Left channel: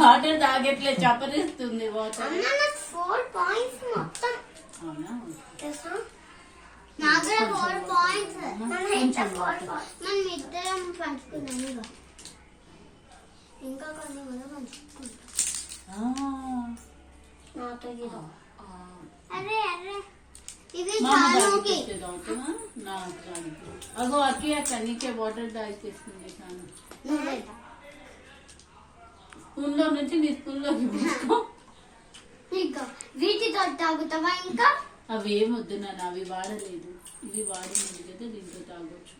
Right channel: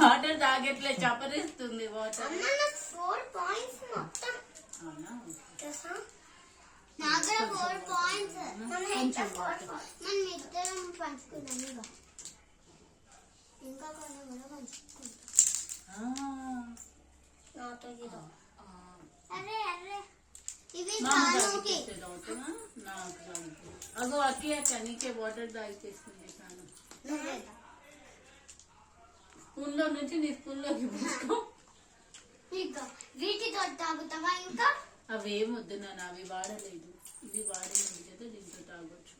Water తాగట్లే చపరిస్తుంది water. 4 points మొత్తం. అవునా? నాకు 4 పాయింట్స్. మనం ఇద్దరం పంచుకున్నాం. ఇంకా కొన్ని కూడా పంచుకుంటాం. అరే అరే ఇది చానుకి. అగో అక్కి అక్కడికే వాటర్ తాగిస్తుంది చాను. స్పూన్లో నుంచి నీ స్పూన్లోకి తీసుకో. వీటితో తాగుతావా? ఇంకా అవి ఏమొద్దు నాన్న, అవి వాడలేదు. ఇది వాడినది కదా, దీంతో తాగొచ్చు.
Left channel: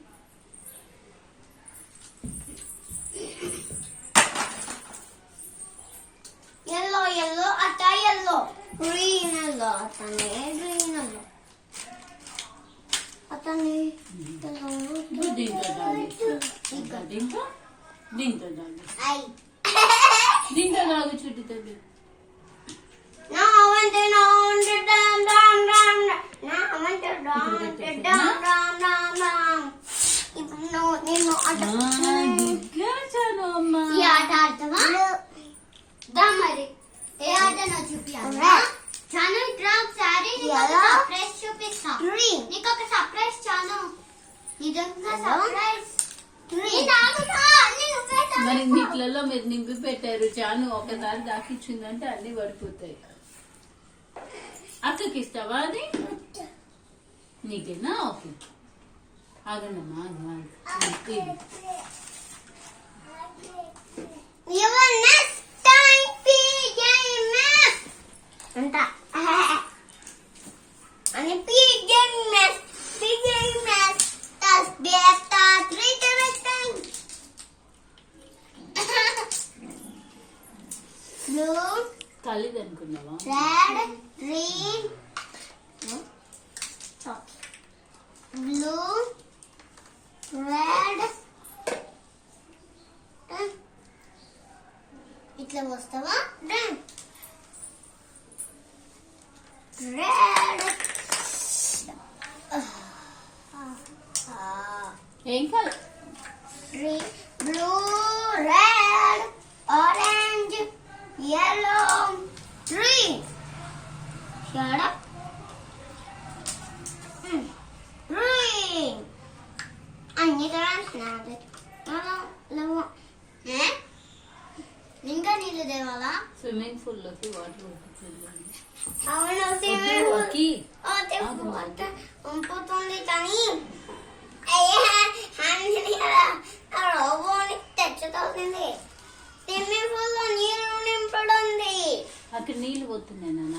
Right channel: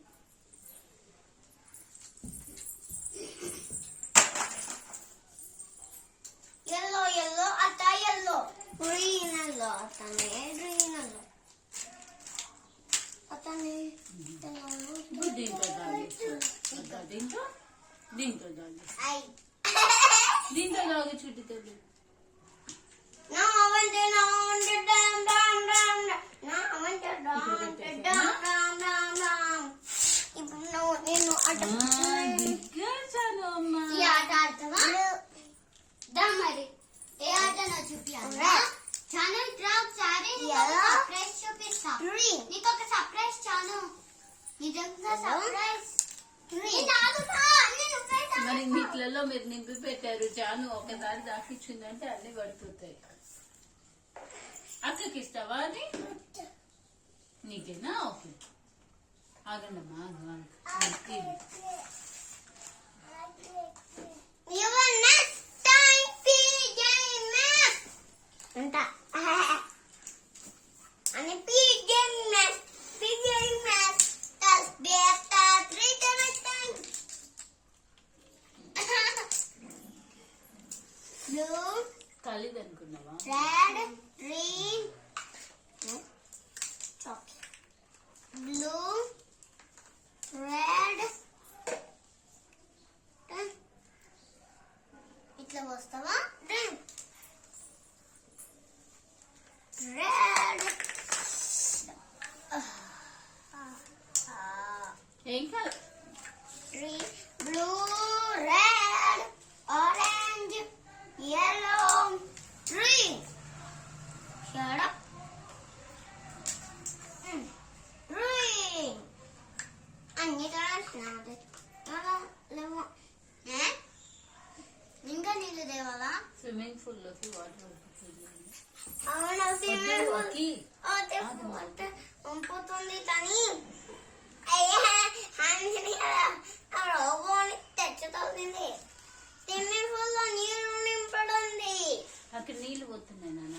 ఎల్లో ఎల్లో అట్ట ఎల్లో, గ్రీన్ ఎల్లో అతనే, గ్రీన్ ఎల్లో అతని. దీంతో తాగొచ్చు. దీంతో దీంతో తాగొచ్చు. దీంతో తాగు చుట్టి తల్లి. మరి ఏ ఆట చూపిస్తా. చూపిస్తా నీకు ఒక సర్ప్రైజ్. చాను నిజంగా సర్ప్రైజ్. మరి నీటిలలో మీరు నింపి పెట్టారు. చాను ఒకసారి దాకిచ్చిందంటే అన్ని పడిపోతాయి. అక్కకి ఇస్తావా అది? నీకేనా? ఓకే ఆగండమ్మా. కలిది అనుకున్నావా? Red, green, blue, red. ఇట్లా వస్తావా? రెడ్, ఏం కాదు. Green, blue, red, orange, yellow, green. Shut up. Green. అన్ని కలర్స్ నాదే. లేవు. ఇంకా నీళ్ళు తేవాలా? స్విమ్మింగ్ పూల్ లోకి వాటర్ అవును, స్విమ్మింగ్ పూల్ వాటర్ ఉంపుతుంది కానీ రోబోని తెచ్చుతుంది. స్విమ్మింగ్ పూల్ లో నీళ్ళు నింపడుంది. అక్కడ నీళ్ళు పోతున్నాయి నాన్న.